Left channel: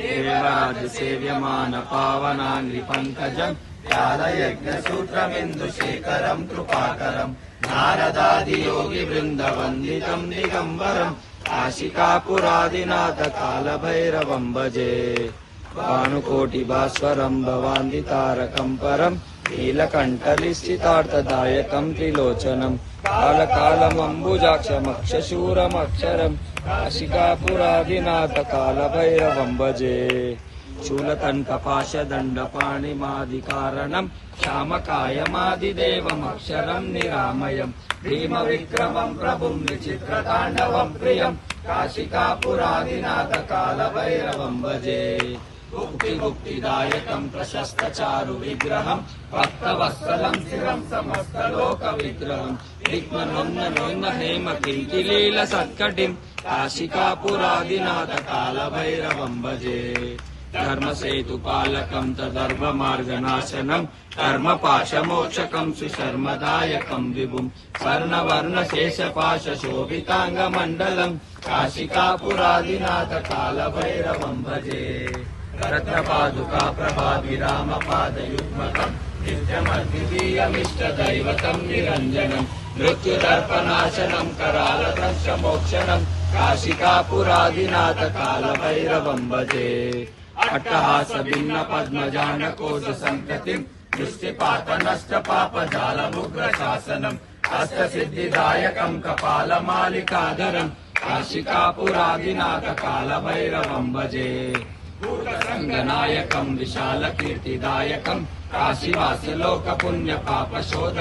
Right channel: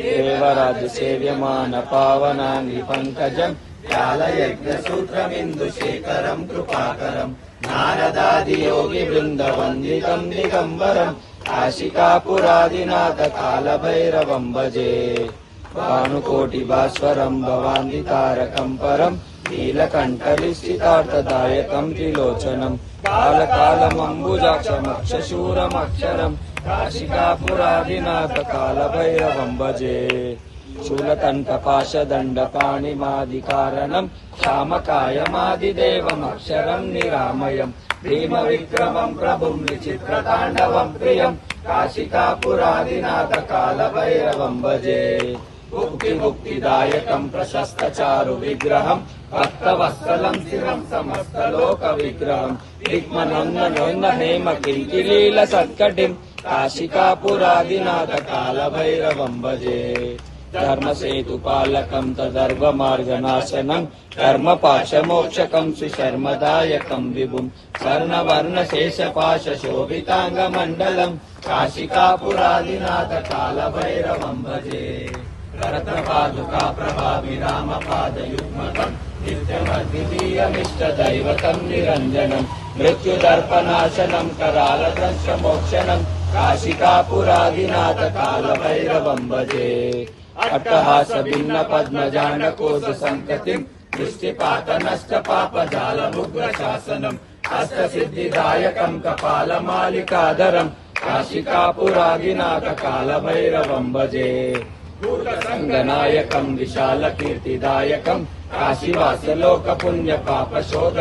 देवराजसेव्यमान पावनानि पङ्कजम् कालयज्ञसूत्रमिन्दुशेखरम् कृपाकरम् नारदादियोगिवृन्दवन्दितम् दिगम्बरम् काशिकापुरादिनाथ कालभैरवम् भजे भानुकोटिभास्वरम् भवान्दितारकम् परम् नीलकण्ठलिस्थितार्थदायकम् त्रिलोचनम् कालकालमम्बुजाक्षमक्षशूरमक्षरम् काशिकापुरादिनाथ कालभैरवम् भजे शूलकण्ठपाशदण्डपाणिमादिकारणम् श्यामकायमादिदेवमक्षरम् निरामयम् भीमविक्रमम् प्रभुम् विचित्रताण्डवम् प्रियम् काशिकापुरादिनाथ कालभैरवम् भजे मुक्तिदायकम् प्रशस्तचारु विग्रहम् भक्तवत्सलम् चिरम् समस्तलोकविग्रहम् दिग्मनोन्न हेम किल्किलील सत्कटिम् काशिकापुरादिनाथ कालभैरवम् भजे धर्मसेतुपालकम् तदर्वमार्गनाशनम् कर्मपाशमोक्षकम् श्रीशर्मदायकम् विभुम् स्वर्णवर्णशेषपाशशोभिताङ्गमण्डलम् काशिकापुरादिनाथ कालभैरवम् भजे करत्रपादुका प्रभाविरामपादयुग्मकम् नित्यमद्वितीयमिष्टदैवतम् निरञ्जनम् मृत्युदर्पनाशनम् करालत्रस्तमोक्षणम् काशिकापुरादिनाथ कालभैरवम् भजे अट्टहास भिन्न पद्मजानकोश सन्ततिम् दृष्टिपातनष्टपापजालमुग्रशासनम् अष्टसिद्धिदायकम् कपालमालिकाधरम् काशिकापुरादिनाथ कालभैरवम् भजे भूतसङ्गनायकम् विशालकीर्तिदायकम् काशीवासलोकपुण्यपापशोध